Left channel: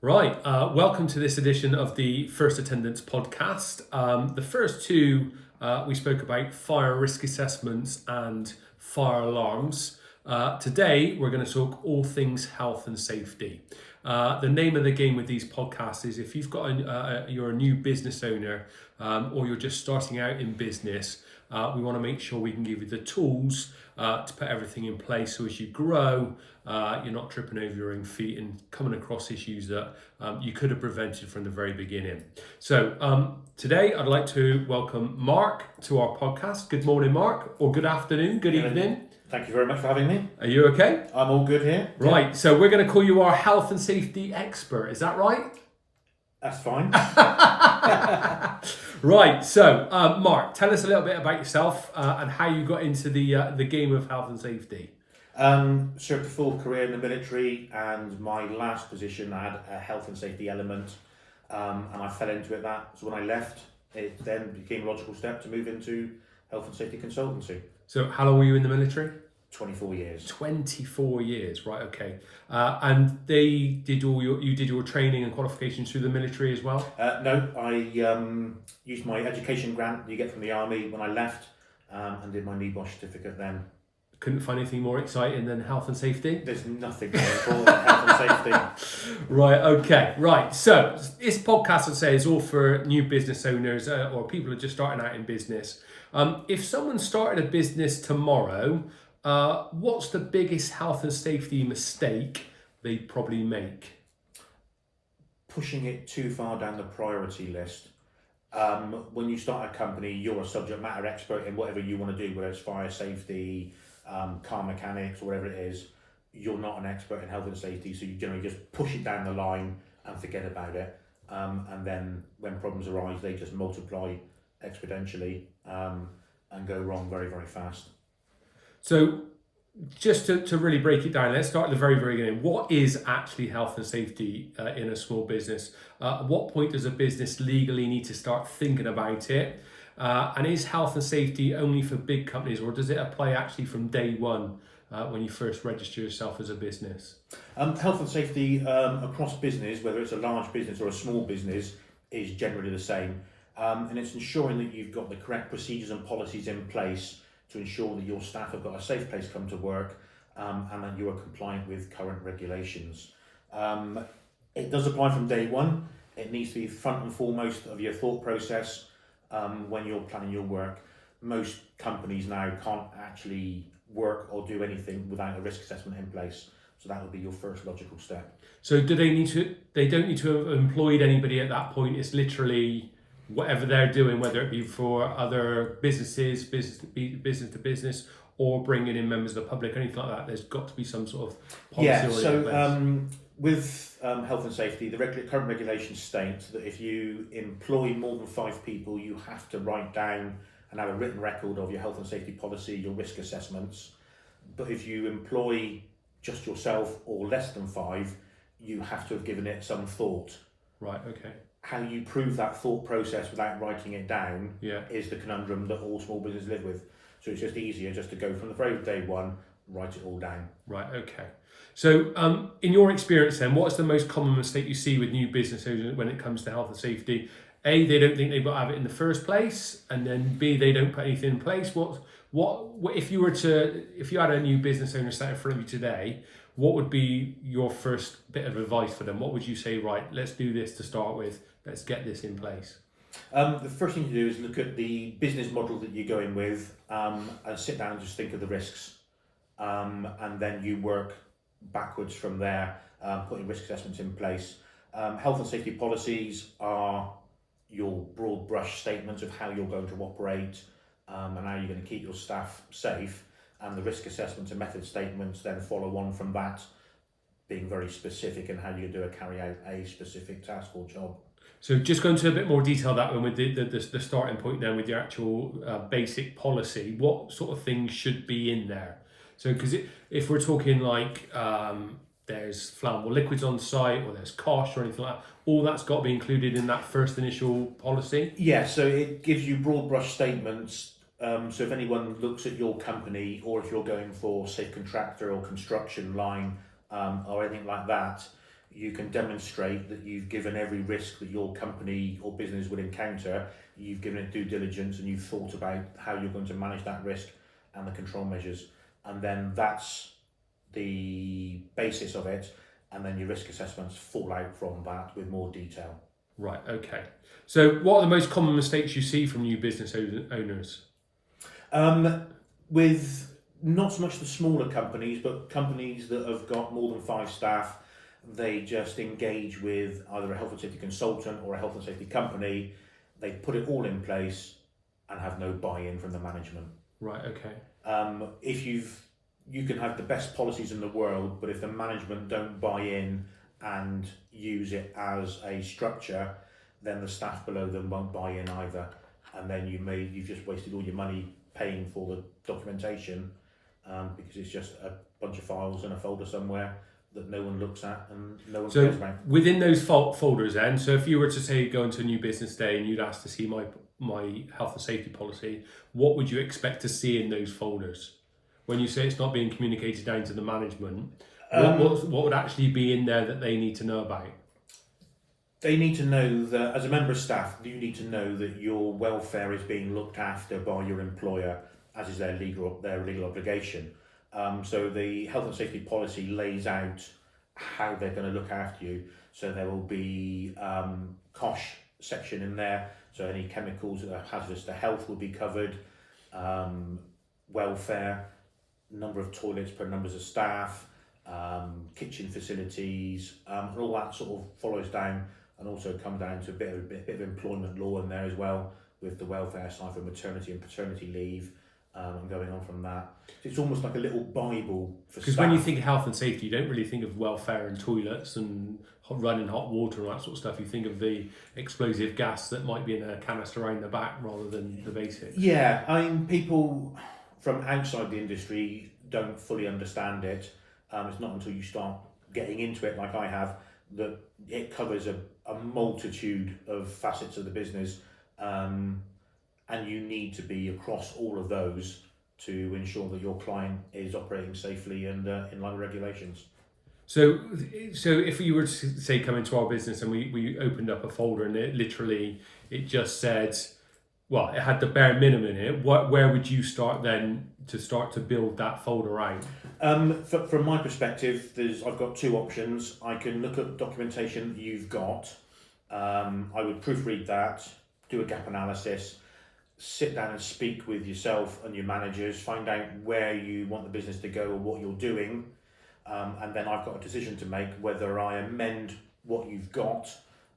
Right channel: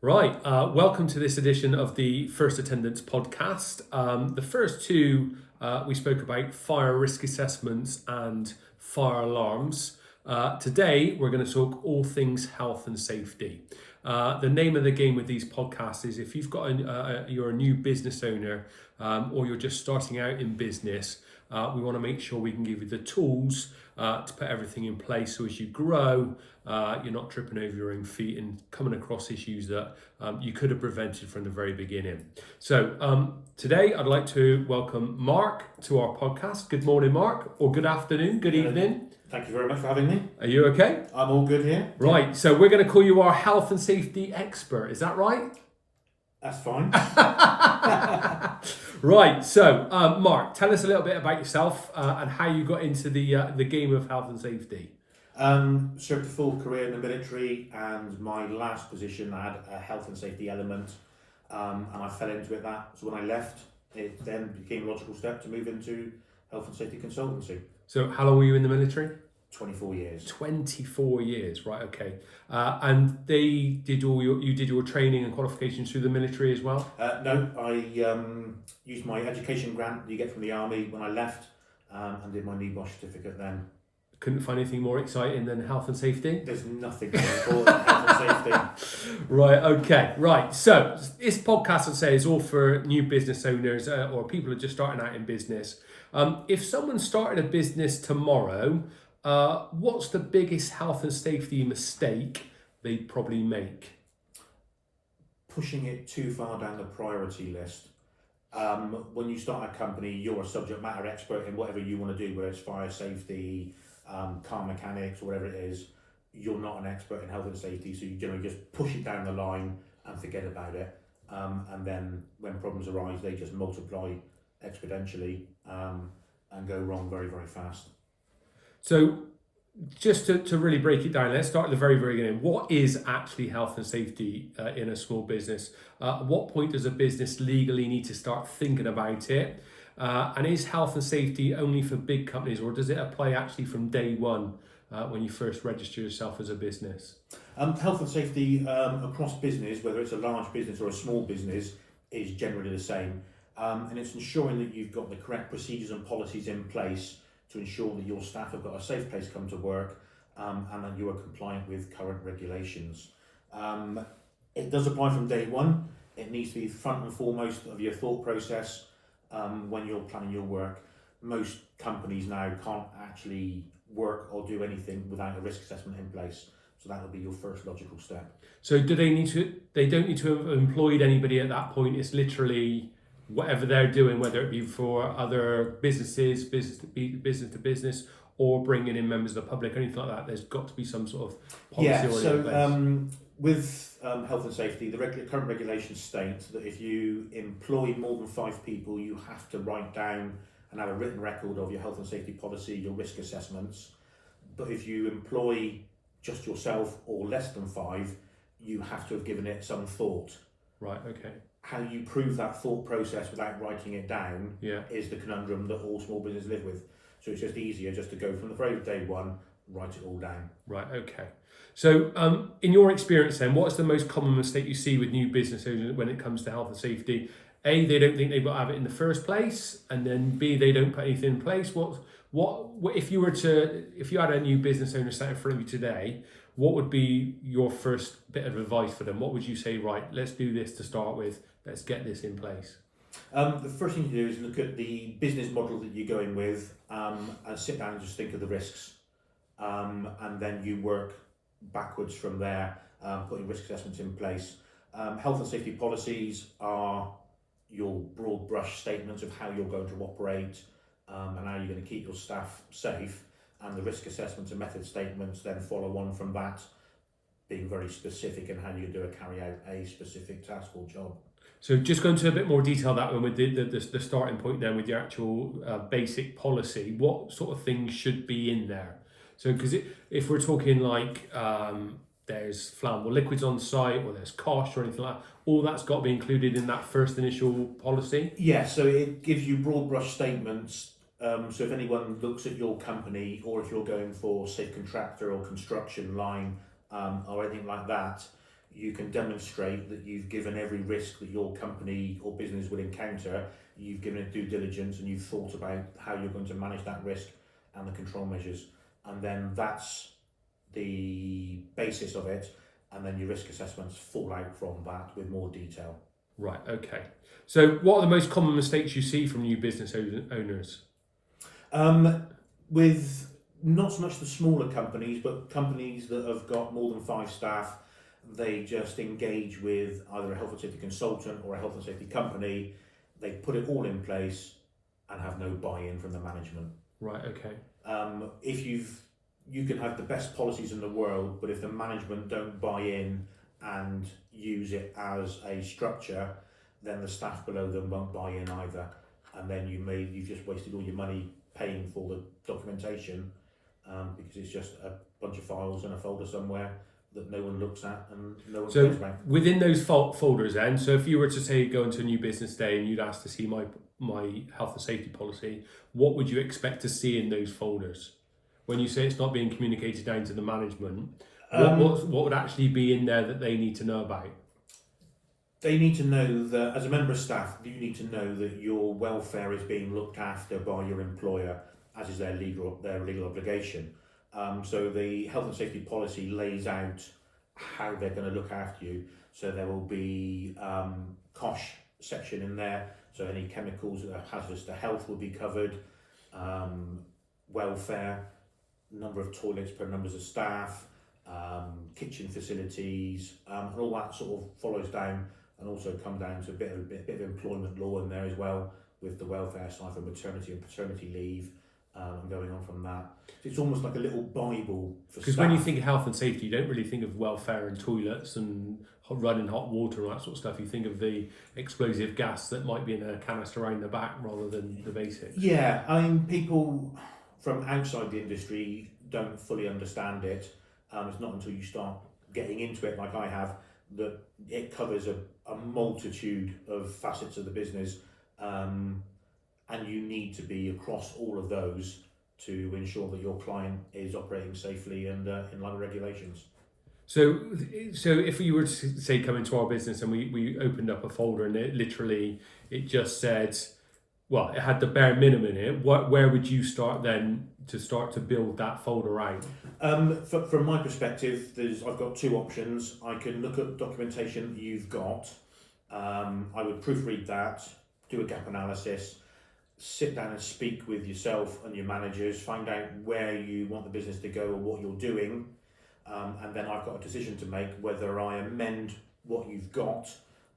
Right, welcome to this edition of the First Attendance podcast. The first two, we spoke about fire risk assessments and fire alarms. Today, we're going to talk all things health and safety. The name of the game with these podcasts is if you've got you're a new business owner or you're just starting out in business, we want to make sure we can give you the tools to put everything in place so as you grow, you're not tripping over your own feet and coming across issues that you could have prevented from the very beginning. So today I'd like to welcome Mark to our podcast. Good morning, Mark, or good afternoon, good evening. Thank you very much for having me. Are you okay? I'm all good here. Right, so we're going to call you our health and safety expert. Is that right? That's fine. Right, so Mark, tell us a little bit about yourself and how you got into the game of health and safety. Served a full career in the military, and my last position I had a health and safety element, and I fell into it. So when I left, it then became a logical step to move into health and safety consultancy. So how long were you in the military? 24 years. 24 years, right? Okay, and you did your training and qualifications through the military as well. No, I used my education grant that you get from the army when I left, and did my NEBOSH certificate then. Couldn't find anything more exciting than health and safety. There's nothing more important than health and safety. Right, okay, right. So this podcast, I'd say, is all for new business owners or people who are just starting out in business. If someone started a business tomorrow, what's the biggest health and safety mistake they'd probably make? Pushing it too far down the priority list. When you start a company, you're a subject matter expert in whatever you want to do, whether it's fire safety, car mechanics, or whatever it is. You're not an expert in health and safety, so you generally just push it down the line and forget about it. And then when problems arise, they just multiply exponentially and go wrong very, very fast. So just to really break it down, let's start at the very, very beginning. What is actually health and safety in a small business? At what point does a business legally need to start thinking about it? And is health and safety only for big companies, or does it apply actually from day one when you first register yourself as a business? Health and safety across business, whether it's a large business or a small business, is generally the same. And it's ensuring that you've got the correct procedures and policies in place to ensure that your staff have got a safe place to come to work, and that you are compliant with current regulations. It does apply from day one. It needs to be front and foremost of your thought process when you're planning your work. Most companies now can't actually work or do anything without a risk assessment in place. So that would be your first logical step. So do they need to? They don't need to have employed anybody at that point. It's literally whatever they're doing, whether it be for other businesses, business to business, or bringing in members of the public, anything like that. There's got to be some sort of policy already in place. With health and safety, the current regulations state that if you employ more than 5 people, you have to write down and have a written record of your health and safety policy, your risk assessments. But if you employ just yourself or less than 5, you have to have given it some thought. Right, okay. How you prove that thought process without writing it down is the conundrum that all small businesses live with. So it's just easier just to go from the very day one, write it all down. Right, okay. So in your experience then, what's the most common mistake you see with new business owners when it comes to health and safety? A, they don't think they've got to have it in the first place, and then B, they don't put anything in place. What if you had a new business owner sat in front of you today, what would be your first bit of advice for them? What would you say, right, let's do this to start with, let's get this in place? The first thing to do is look at the business model that you're going with, and sit down and just think of the risks. And then you work backwards from there, putting risk assessments in place. Health and safety policies are your broad brush statements of how you're going to operate, and how you're going to keep your staff safe. And the risk assessments and method statements then follow on from that, being very specific in how you carry out a specific task or job. So just go into a bit more detail that one with the starting point then with the actual basic policy. What sort of things should be in there? So because if we're talking like there's flammable liquids on site or there's cost or anything like that, all that's got to be included in that first initial policy? Yeah, so it gives you broad brush statements. So if anyone looks at your company, or if you're going for, say, contractor or construction line or anything like that, you can demonstrate that you've given every risk that your company or business would encounter, you've given it due diligence and you've thought about how you're going to manage that risk and the control measures. And then that's the basis of it. And then your risk assessments fall out from that with more detail. Right, okay. So what are the most common mistakes you see from new business owners? With not so much the smaller companies, but companies that have got more than 5 staff, they just engage with either a health and safety consultant or a health and safety company. They put it all in place and have no buy-in from the management. Right, okay. If you can have the best policies in the world, but if the management don't buy in and use it as a structure, then the staff below them won't buy in either. And then you've just wasted all your money paying for the documentation because it's just a bunch of files in a folder somewhere that no one looks at and no one cares about. Within those folders then, so if you were to say go into a new business day and you'd ask to see my health and safety policy, what would you expect to see in those folders? When you say it's not being communicated down to the management, what would actually be in there that they need to know about? They need to know that as a member of staff, you need to know that your welfare is being looked after by your employer, as is their legal obligation. So the health and safety policy lays out how they're going to look after you. So there will be COSH section in there. So any chemicals that are hazardous to health will be covered. Welfare, number of toilets per numbers of staff, kitchen facilities, and all that sort of follows down, and also comes down to a bit of employment law in there as well, with the welfare side for maternity and paternity leave. And going on from that, it's almost like a little Bible for because staff. when you think of health and safety, you don't really think of welfare and toilets and running hot water and that sort of stuff. You think of the explosive gas that might be in a canister around the back rather than the basics. Yeah, I mean, people from outside the industry don't fully understand it. It's not until you start getting into it, like I have, that it covers a multitude of facets of the business. And you need to be across all of those to ensure that your client is operating safely and in line with regulations. So if you were to say come into our business and we opened up a folder and it just said, well, it had the bare minimum in it, where would you start then to build that folder out? From my perspective, I've got 2 options. I can look at the documentation that you've got. I would proofread that, do a gap analysis, sit down and speak with yourself and your managers, find out where you want the business to go or what you're doing, and then I've got a decision to make whether I amend what you've got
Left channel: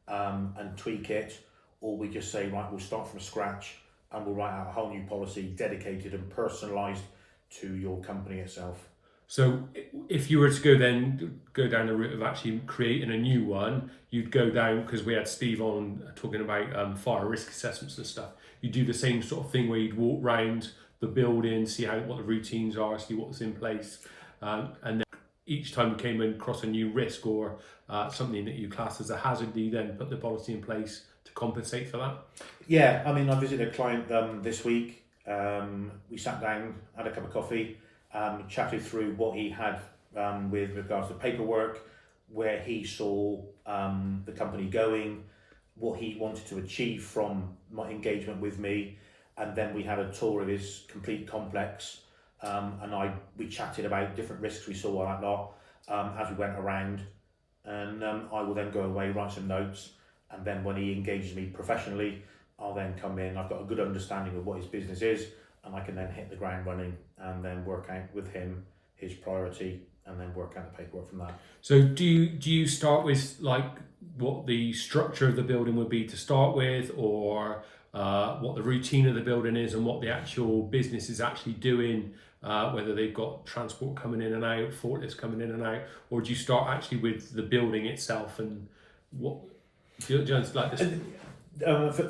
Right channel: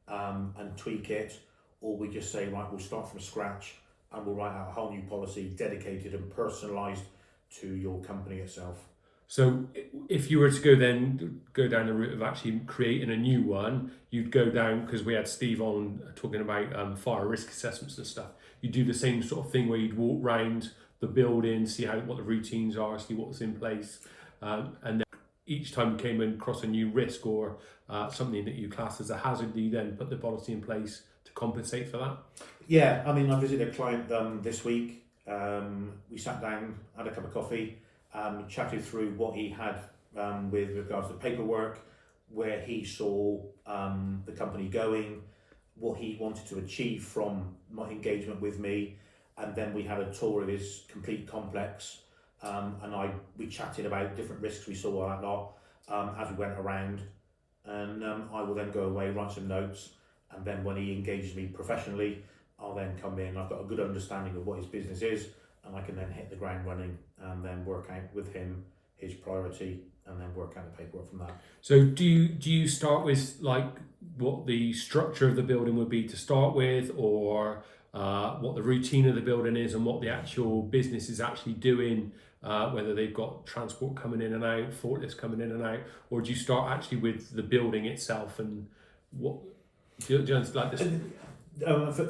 and tweak it, or we just say, right, we'll start from scratch and we'll write out a whole new policy dedicated and personalised to your company itself. So if you were to go down the route of actually creating a new one, you'd go down, because we had Steve on talking about fire risk assessments and stuff. You do the same sort of thing where you'd walk round the building, see what the routines are, see what's in place, and then each time you came across a new risk or something that you class as a hazard, you then put the policy in place to compensate for that. Yeah, I mean, I visited a client this week. We sat down, had a cup of coffee, chatted through what he had with regards to paperwork, where he saw the company going, what he wanted to achieve from my engagement with me, and then we had a tour of his complete complex, and we chatted about different risks we saw on that lot as we went around, and I will then go away, write some notes, and then when he engages me professionally, I'll then come in. I've got a good understanding of what his business is, and I can then hit the ground running and then work out with him his priority and then work out the paperwork from that. So do you start with like what the structure of the building would be to start with, or what the routine of the building is and what the actual business is actually doing, whether they've got transport coming in and out, forklifts coming in and out, or do you start actually with the building itself and what do you like this?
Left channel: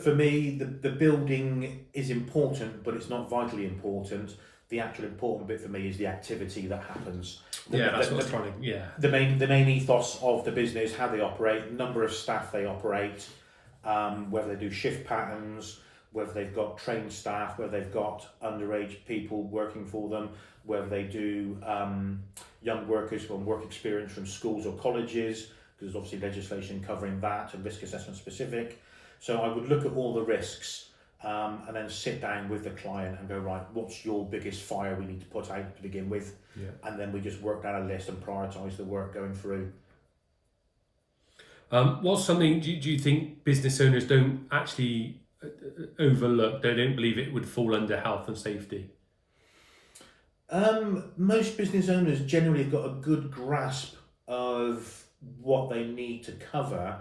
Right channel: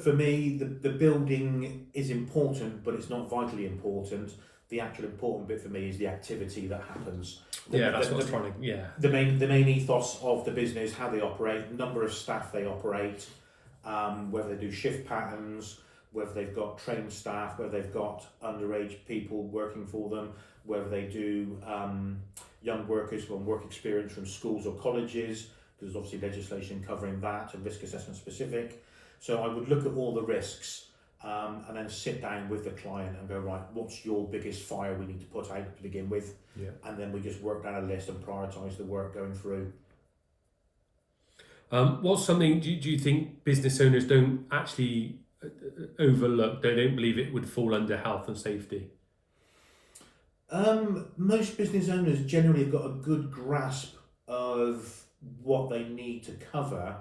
For me, the building is important, but it's not vitally important. The actual important bit for me is the activity that happens. That's what I was trying to. Yeah. The main ethos of the business, how they operate, number of staff they operate, whether they do shift patterns, whether they've got trained staff, whether they've got underage people working for them, whether they do young workers from work experience from schools or colleges, because there's obviously legislation covering that and risk assessment specific. So I would look at all the risks and then sit down with the client and go, right, what's your biggest fire we need to put out to begin with? Yeah. And then we just work down a list and prioritise the work going through. What's something do you think business owners don't actually overlook? They don't believe it would fall under health and safety? Most business owners generally have got a good grasp of what they need to cover.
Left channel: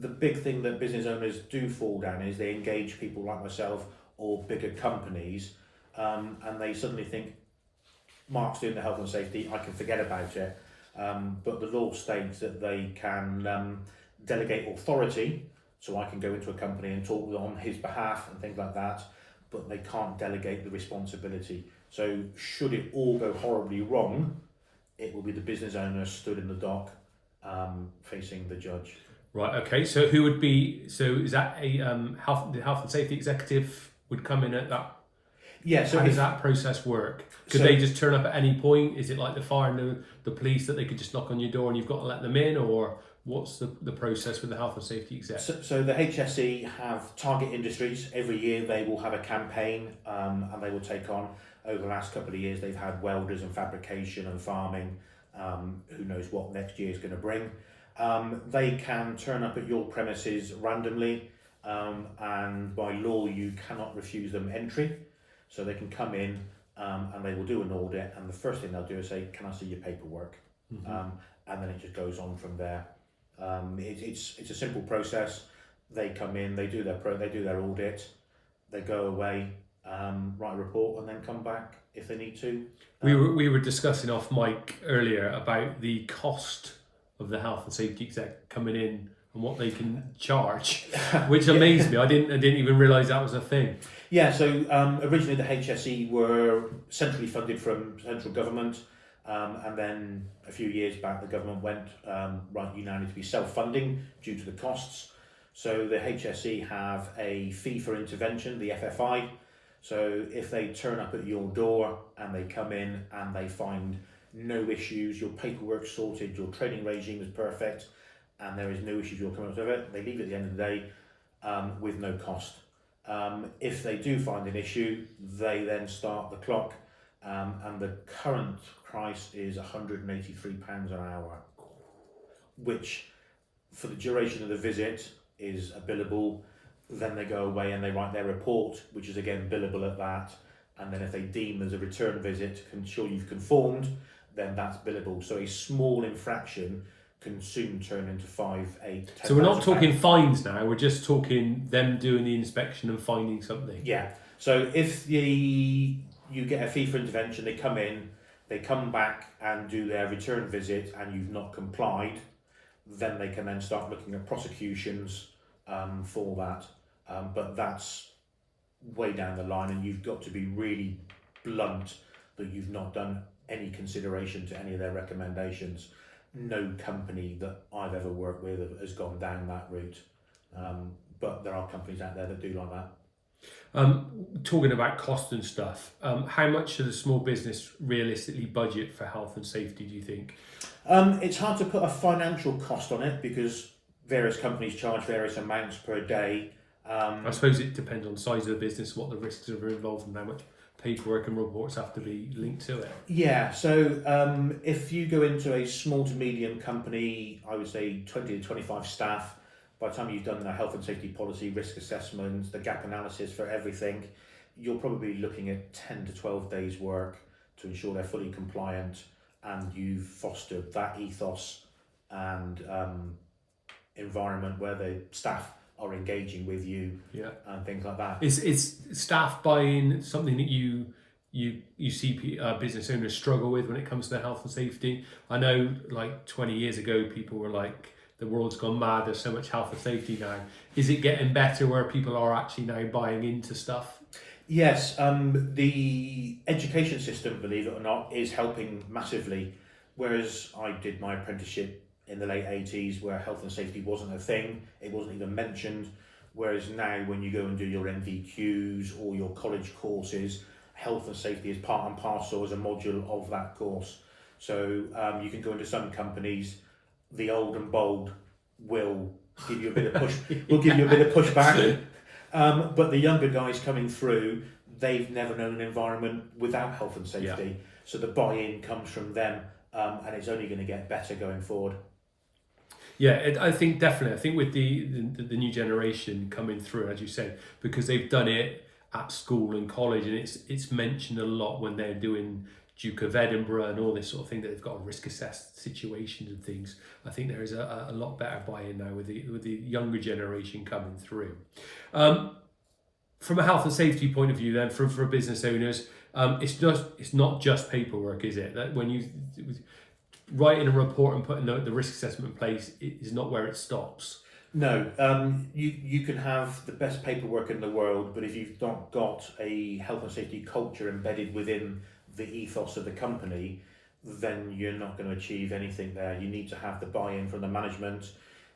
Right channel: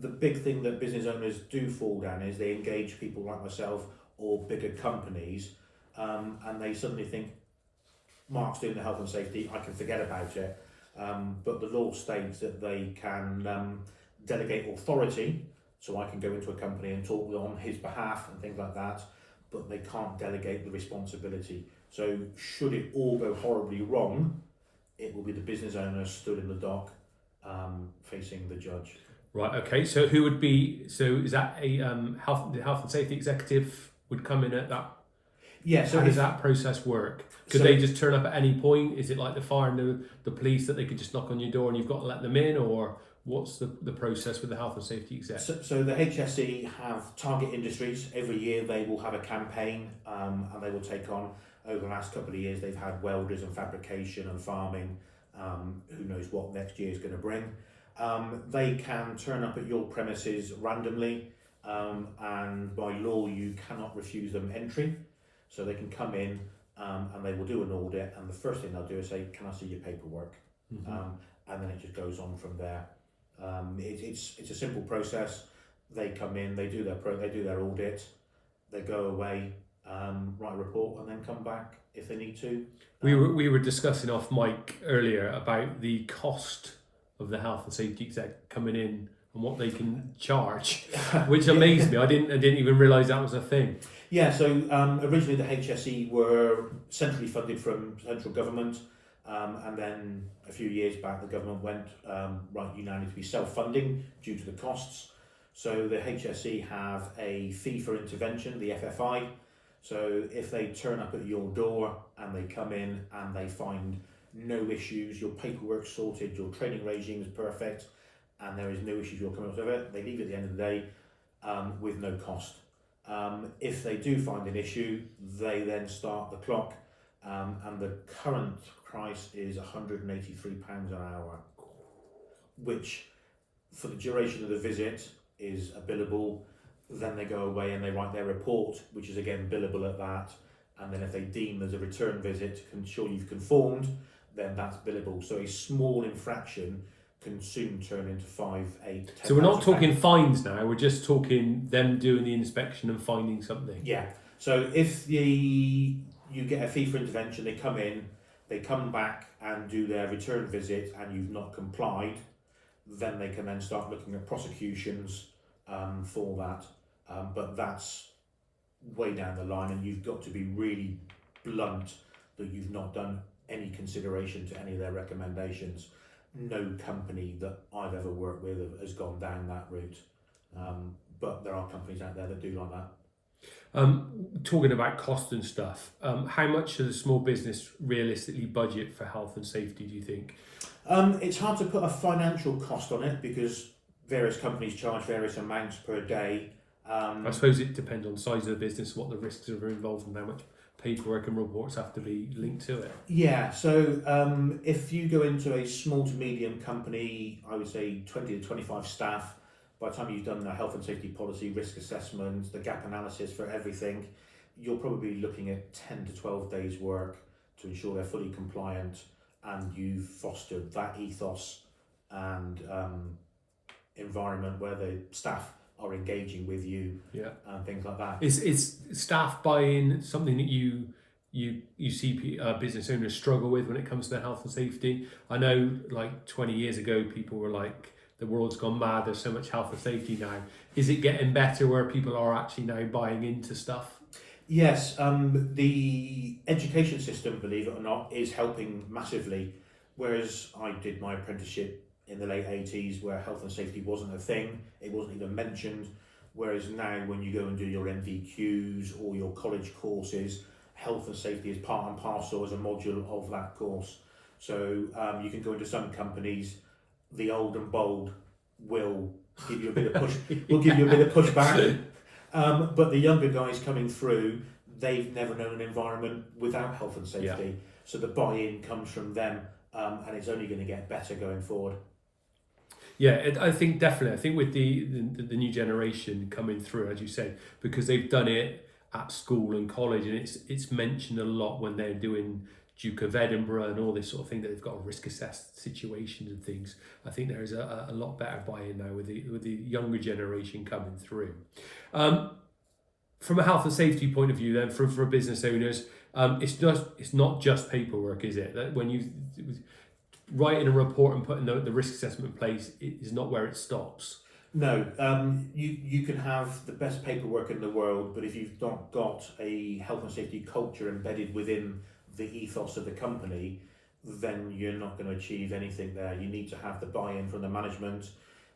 The big thing that business owners do fall down is they engage people like myself or bigger companies, and they suddenly think, Mark's doing the health and safety, I can forget about it. But the law states that they can delegate authority, so I can go into a company and talk on his behalf and things like that, but they can't delegate the responsibility. So should it all go horribly wrong, it will be the business owner stood in the dock facing the judge. Right, okay, so who would be, so is that the health and safety executive would come in at that? Yeah, so how does that process work? Could they just turn up at any point? Is it like the fire and the police that they could just knock on your door and you've got to let them in, or what's the process with the health and safety exec? So the HSE have target industries. Every year they will have a campaign and they will take on, over the last couple of years, they've had welders and fabrication and farming. Who knows what next year is going to bring. They can turn up at your premises randomly, and by law you cannot refuse them entry. So they can come in and they will do an audit, and the first thing they'll do is say, can I see your paperwork? And then it just goes on from there. It's a simple process. They come in, they do their audit, they go away, write a report, and then come back if they need to. We were discussing off mic earlier about the cost of the health and safety exec coming in and what they can charge, which amazed me. I didn't even realise that was a thing. Yeah, so originally the HSE were centrally funded from central government, and then a few years back the government went, right, you now need to be self-funding due to the costs. So the HSE have a fee for intervention, the FFI. So if they turn up at your door and they come in and they find no issues, your paperwork's sorted, your training regime is perfect, and there is no issues you're coming up with it, they leave at the end of the day with no cost. If they do find an issue, they then start the clock, and the current price is £183 an hour, which for the duration of the visit is a billable. Then they go away and they write their report, which is again billable at that, and then if they deem there's a return visit to ensure you've conformed, then that's billable. So a small infraction can soon turn into 5, 8, 10. So we're not talking fines now, we're just talking them doing the inspection and finding something. Yeah, so if you get a fee for intervention, they come in, they come back and do their return visit and you've not complied, then they can then start looking at prosecutions for that. But that's way down the line, and you've got to be really blunt that you've not done any consideration to any of their recommendations. No company that I've ever worked with has gone down that route, but there are companies out there that do like that. Talking about cost and stuff, how much should a small business realistically budget for health and safety, do you think? It's hard to put a financial cost on it because various companies charge various amounts per day. I suppose it depends on the size of the business, what the risks are involved, and how much paperwork and reports have to be linked to it. Yeah, so if you go into a small to medium company, I would say 20 to 25 staff, by the time you've done the health and safety policy, risk assessment, the gap analysis for everything, you're probably looking at 10 to 12 days work to ensure they're fully compliant and you've fostered that ethos and environment where the staff are engaging with you, and things like that. Is staff buying something that you see business owners struggle with when it comes to health and safety? I know like 20 years ago people were like, the world's gone mad, there's so much health and safety now. Is it getting better where people are actually now buying into stuff? Yes, the education system, believe it or not, is helping massively. Whereas I did my apprenticeship in the late 80s where health and safety wasn't a thing, it wasn't even mentioned. Whereas now when you go and do your MVQs or your college courses, health and safety is part and parcel as a module of that course. So you can go into some companies, the old and bold will give you a bit of push. Will give you a bit of pushback. But the younger guys coming through, they've never known an environment without health and safety. So the buy-in comes from them, and it's only going to get better going forward. Yeah, I think definitely. I think with the new generation coming through, as you said, because they've done it at school and college, and it's mentioned a lot when they're doing Duke of Edinburgh and all this sort of thing, that they've got risk assessed situations and things. I think there is a lot better buy-in now with the younger generation coming through. From a health and safety point of view, then for business owners, it's not just paperwork, is it? That when you writing a report and putting the risk assessment in place is not where it stops. No, you can have the best paperwork in the world, but if you've not got a health and safety culture embedded within the ethos of the company, then you're not going to achieve anything there. You need to have the buy-in from the management,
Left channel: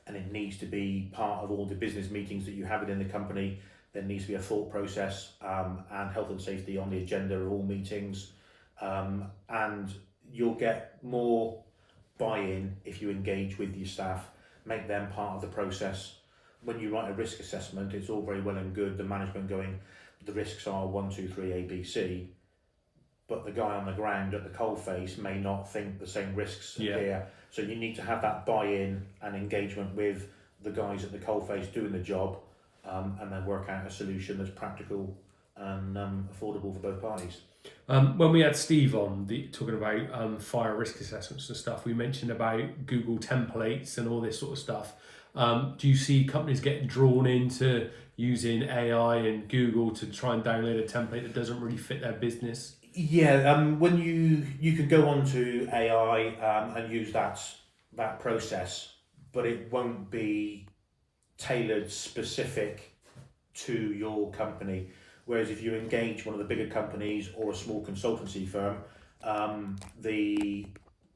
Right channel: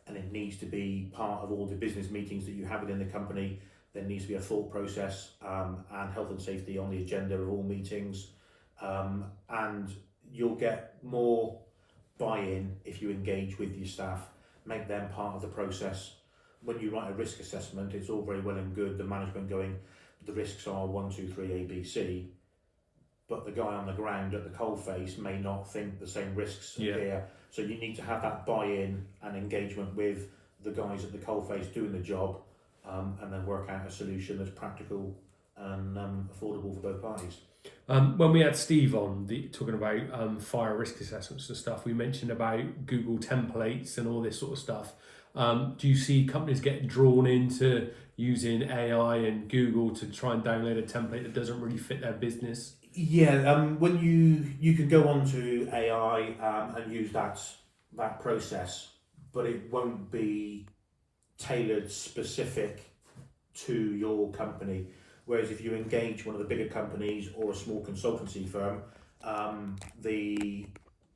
and it needs to be part of all the business meetings that you have within the company. There needs to be a thought process, and health and safety on the agenda of all meetings, and you'll get more buy-in if you engage with your staff, make them part of the process. When you write a risk assessment, it's all very well and good the management going, the risks are 1, 2, 3, A, B, C, but the guy on the ground at the coalface may not think the same risks here. So you need to have that buy-in and engagement with the guys at the coalface doing the job, and then work out a solution that's practical and affordable for both parties. When we had Steve on talking about fire risk assessments and stuff, we mentioned about Google templates and all this sort of stuff. Do you see companies getting drawn into using AI and Google to try and download a template that doesn't really fit their business? Yeah, when you can go onto AI and use that process, but it won't be tailored specific to your company. Whereas if you engage one of the bigger companies or a small consultancy firm, the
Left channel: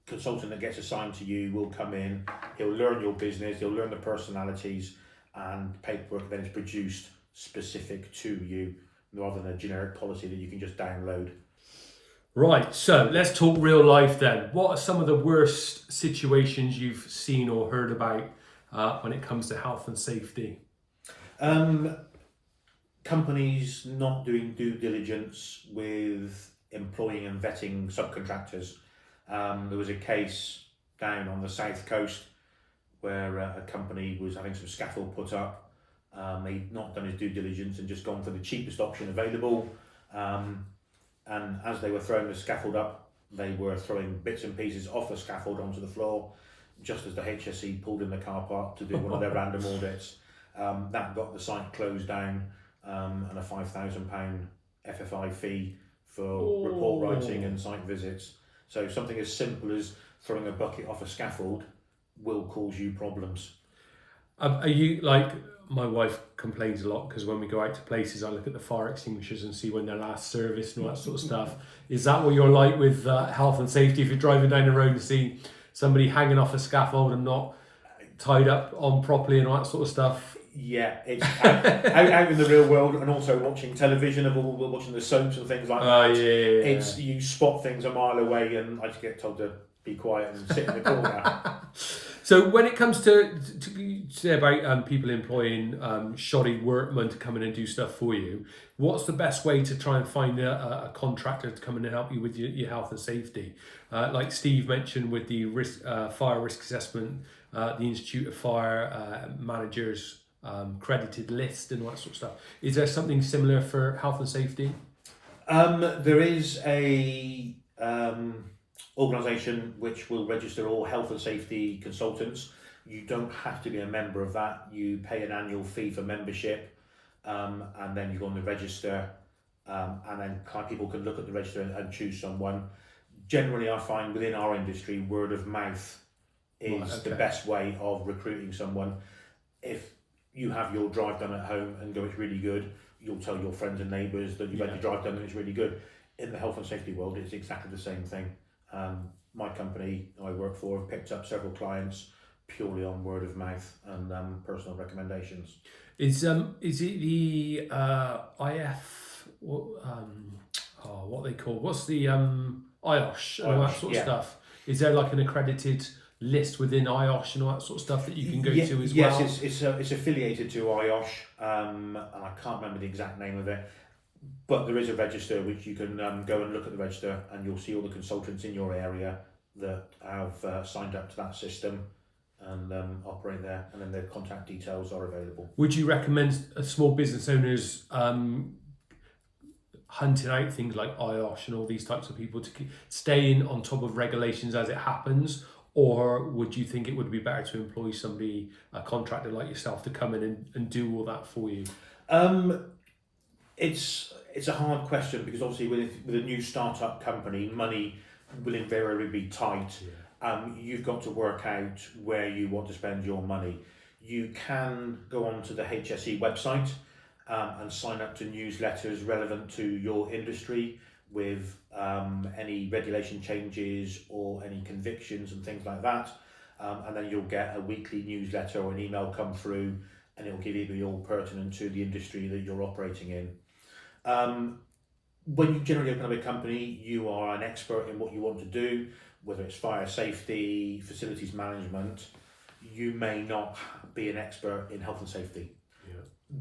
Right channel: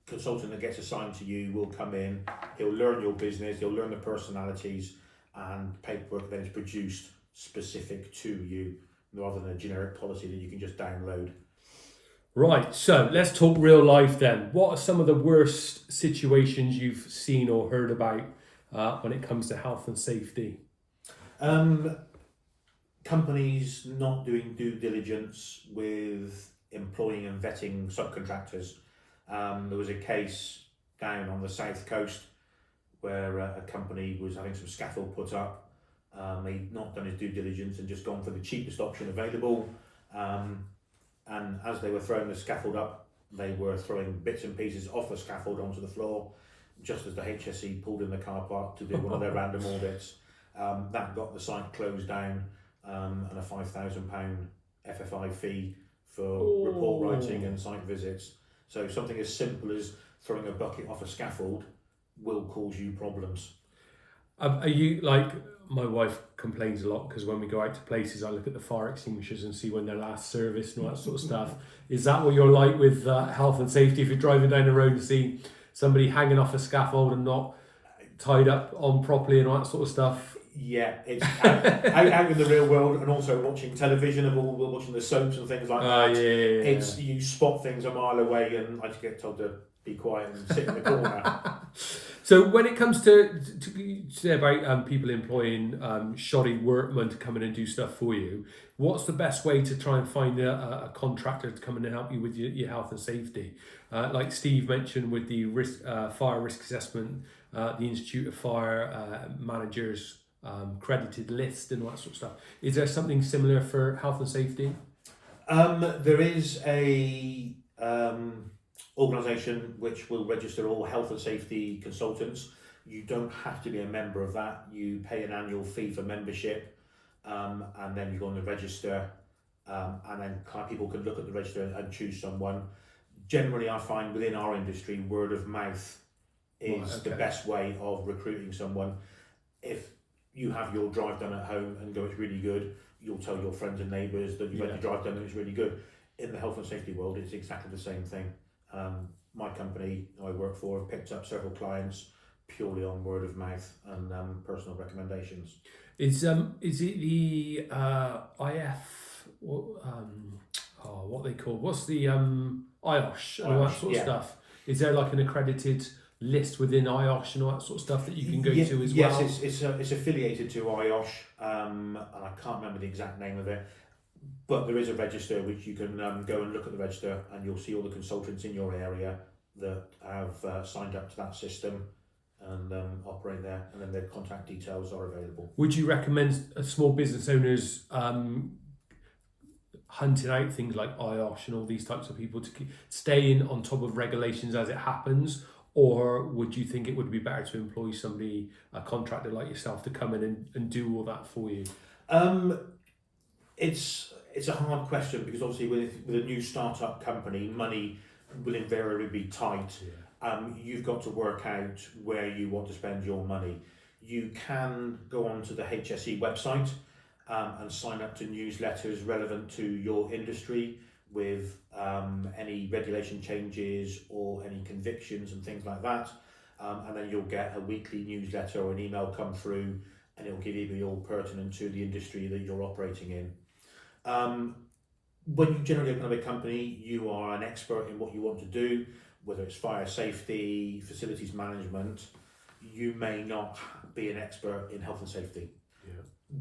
consultant that gets assigned to you will come in, he'll learn your business, he'll learn the personalities, and paperwork then is produced specific to you rather than a generic policy that you can just download. Right, so let's talk real life then. What are some of the worst situations you've seen or heard about when it comes to health and safety? Companies not doing due diligence with employing and vetting subcontractors. There was a case down on the south coast where a company was having some scaffold put up. They'd not done his due diligence and just gone for the cheapest option available. And as they were throwing the scaffold up, they were throwing bits and pieces off the scaffold onto the floor, just as the HSE pulled in the car park to do one of their random audits. That got the site closed down, and a £5,000 FFI fee for report writing and site visits. So something as simple as throwing a bucket off a scaffold will cause you problems. Are you like, my wife complains a lot because when we go out to places, I look at the fire extinguishers and see when they're last serviced and all that sort of stuff. Is that what you're like with health and safety? If you're driving down the road and see somebody hanging off a scaffold and not tied up on properly and all that sort of stuff? Yeah, it's out in the real world, and also watching television, and we're watching the soaps and things like that. Yeah. It's, you spot things a mile away, and I just get told to be quiet and sit in the corner. So when it comes to say about people employing shoddy workmen to come in and do stuff for you, what's the best way to try and find a contractor to come in and help you with your health and safety? Like Steve mentioned with the fire risk assessment, the Institute of Fire Managers credited list and all that sort of stuff. Is there something similar for health and safety? There is a organisation which will register all health and safety consultants. You don't have to be a member of that. You pay an annual fee for membership, and then you go on the register, and then people can look at the register and choose someone. Generally, I find within our industry, word of mouth is the best way of recruiting someone. If you have your drive done at home and go, it's really good, you'll tell your friends and neighbours that you've had your drive done and it's really good. In the health and safety world, it's exactly the same thing. My company I work for have picked up several clients purely on word of mouth and personal recommendations. Is it the IF what they call, what's the IOSH and all that sort of stuff? Is there like an accredited list within IOSH and all that sort of stuff that you can go to as yes, well? Yes, it's affiliated to IOSH. And I can't remember the exact name of it, but there is a register which you can go and look at the register, and you'll see all the consultants in your area that have signed up to that system and operate there, and then their contact details are available. Would you recommend small business owners hunting out things like IOSH and all these types of people to stay in on top of regulations as it happens? Or would you think it would be better to employ somebody, a contractor like yourself, to come in and do all that for you? It's a hard question, because obviously with a new startup company, money will invariably be tight. You've got to work out where you want to spend your money. You can go onto the HSE website and sign up to newsletters relevant to your industry with any regulation changes or any convictions and things like that. And then you'll get a weekly newsletter or an email come through, and it'll give you all pertinent to the industry that you're operating in. When you generally open up a company, you are an expert in what you want to do, whether it's fire safety, facilities management. You may not be an expert in health and safety.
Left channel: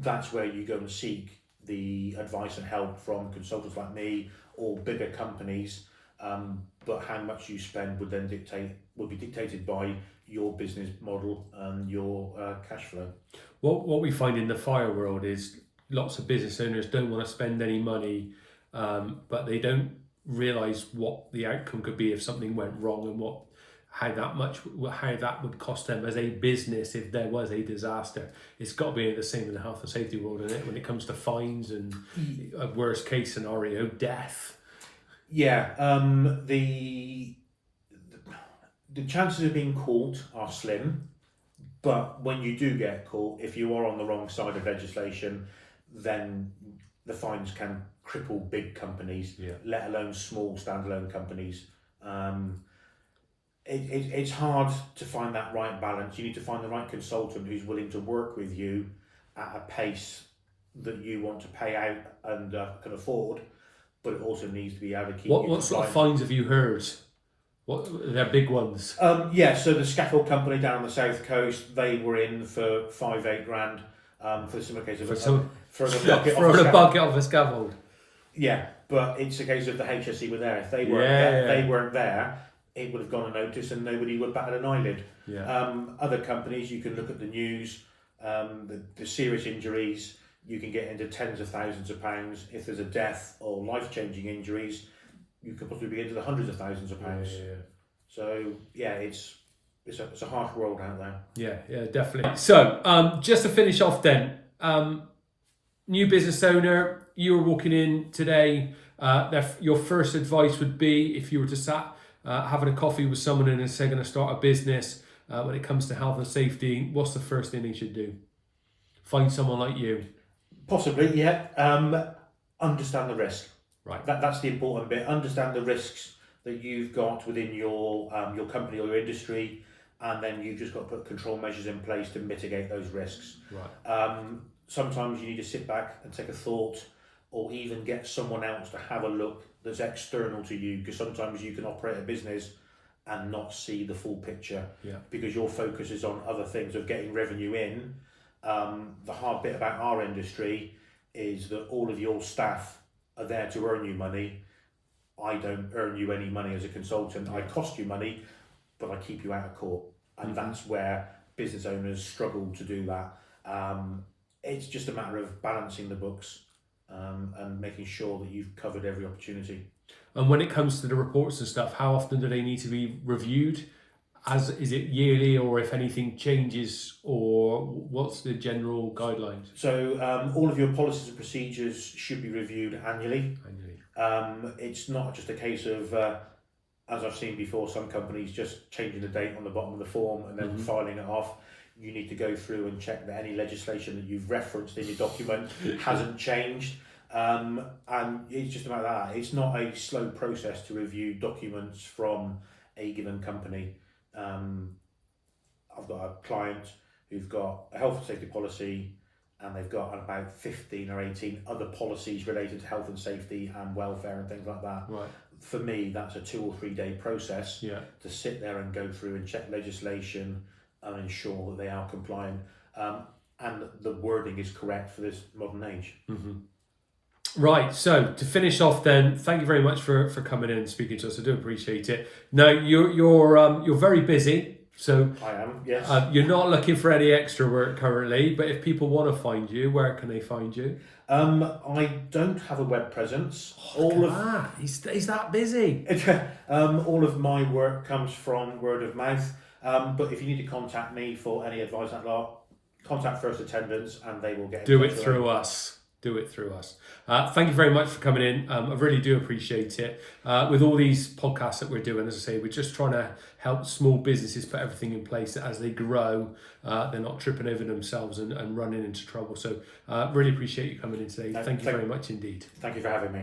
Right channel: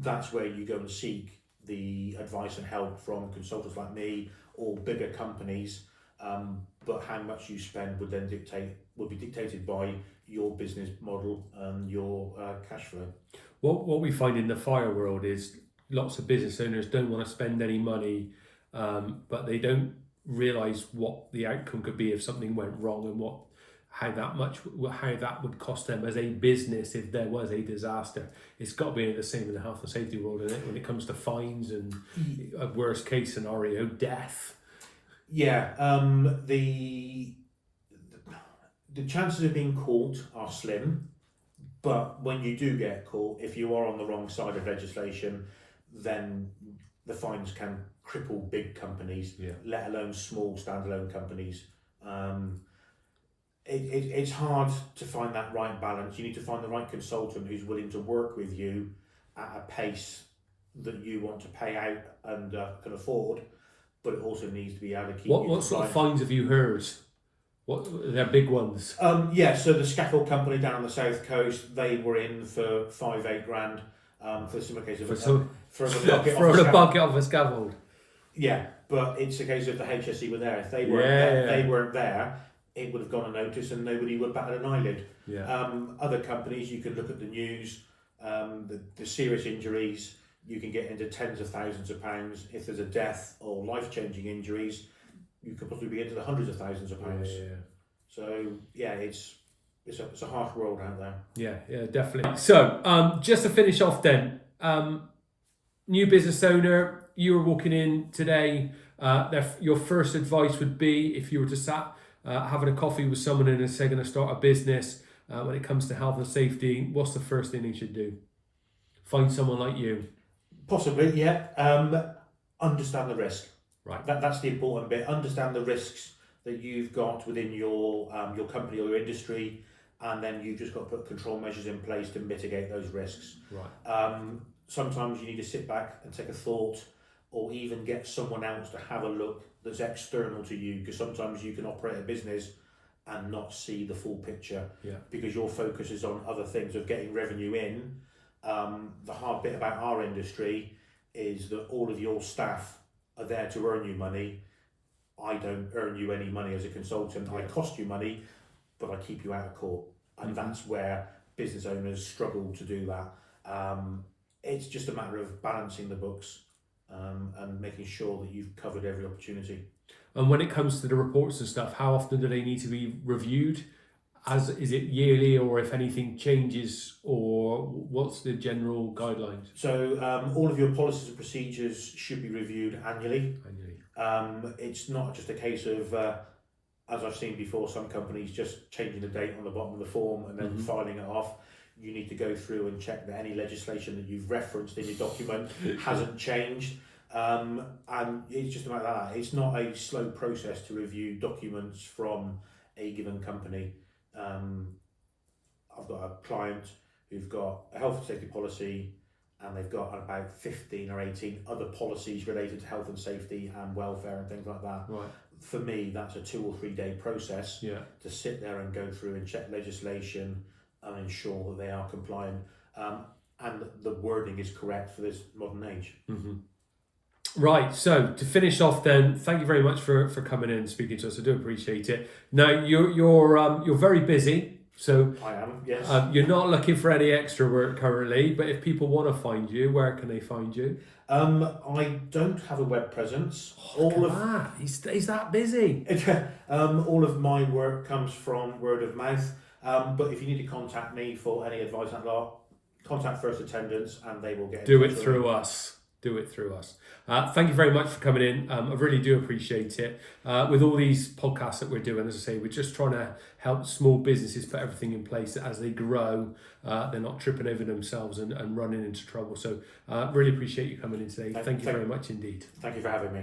That's where you go and seek the advice and help from consultants like me or bigger companies. But how much you spend would be dictated by your business model and your cash flow. What we find in the fire world is lots of business owners don't want to spend any money, but they don't realise what the outcome could be if something went wrong, and how that would cost them as a business if there was a disaster. It's got to be the same in the health and safety world, isn't it? When it comes to fines and a worst case scenario, death. Yeah, the chances of being caught are slim, but when you do get caught, if you are on the wrong side of legislation, then the fines can cripple big companies, let alone small standalone companies. It's hard to find that right balance. You need to find the right consultant who's willing to work with you at a pace that you want to pay out and can afford, but it also needs to be able to keep. What sort of fines have you heard? What they're big ones? So the scaffold company down on the south coast, they were in for 5-8 grand for the similar case of for a bucket off a scaffold. Yeah, but it's a case of the HSE were there. If they weren't they weren't there, it would have gone unnoticed and nobody would bat an eyelid. Other companies, you can look at the news, the serious injuries, you can get into tens of thousands of pounds. If there's a death or life-changing injuries, you could possibly get into the hundreds of thousands of pounds. So it's a harsh world out there. Yeah, definitely. So just to finish off then, new business owner, you were walking in today, your first advice would be, if you were to having a coffee with someone and they're going to start a business, when it comes to health and safety, what's the first thing they should do? Find someone like you. Possibly, yeah. Understand the risk. Right. That's the important bit. Understand the risks that you've got within your company or your industry, and then you've just got to put control measures in place to mitigate those risks. Right. Sometimes you need to sit back and take a thought, or even get someone else to have a look that's external to you, because sometimes you can operate a business and not see the full picture because your focus is on other things of getting revenue in. The hard bit about our industry is that all of your staff are there to earn you money. I don't earn you any money as a consultant. I cost you money, but I keep you out of court. And that's where business owners struggle to do that. It's just a matter of balancing the books and making sure that you've covered every opportunity. And when it comes to the reports and stuff, how often do they need to be reviewed? Is it yearly, or if anything changes, or what's the general guidelines? So all of your policies and procedures should be reviewed annually. It's not just a case of, as I've seen before, some companies just changing the date on the bottom of the form and then filing it off. You need to go through and check that any legislation that you've referenced in your document hasn't changed. And it's just about that. It's not a slow process to review documents from a given company. I've got a client who've got a health and safety policy, and they've got about 15 or 18 other policies related to health and safety and welfare and things like that. Right. for me, that's a 2 or 3 day process Yeah. to sit there and go through and check legislation and ensure that they are compliant and the wording is correct for this modern age. Mm-hmm. Right, so to finish off then, thank you very much for coming in and speaking to us. I do appreciate it. Now, you're very busy, so I am, yes. you're not looking for any extra work currently, but if people want to find you, where can they find you? I don't have a web presence. He's that busy. All of my work comes from word of mouth, but if you need to contact me for any advice on that lot, contact First Attendance and they will get in Do touch it with through you. us. Do it through us. Thank you very much for coming in. I really do appreciate it. With all these podcasts that we're doing, as I say, we're just trying to help small businesses put everything in place that as they grow, they're not tripping over themselves and running into trouble. So really appreciate you coming in today. Thank you very much indeed. Thank you for having me.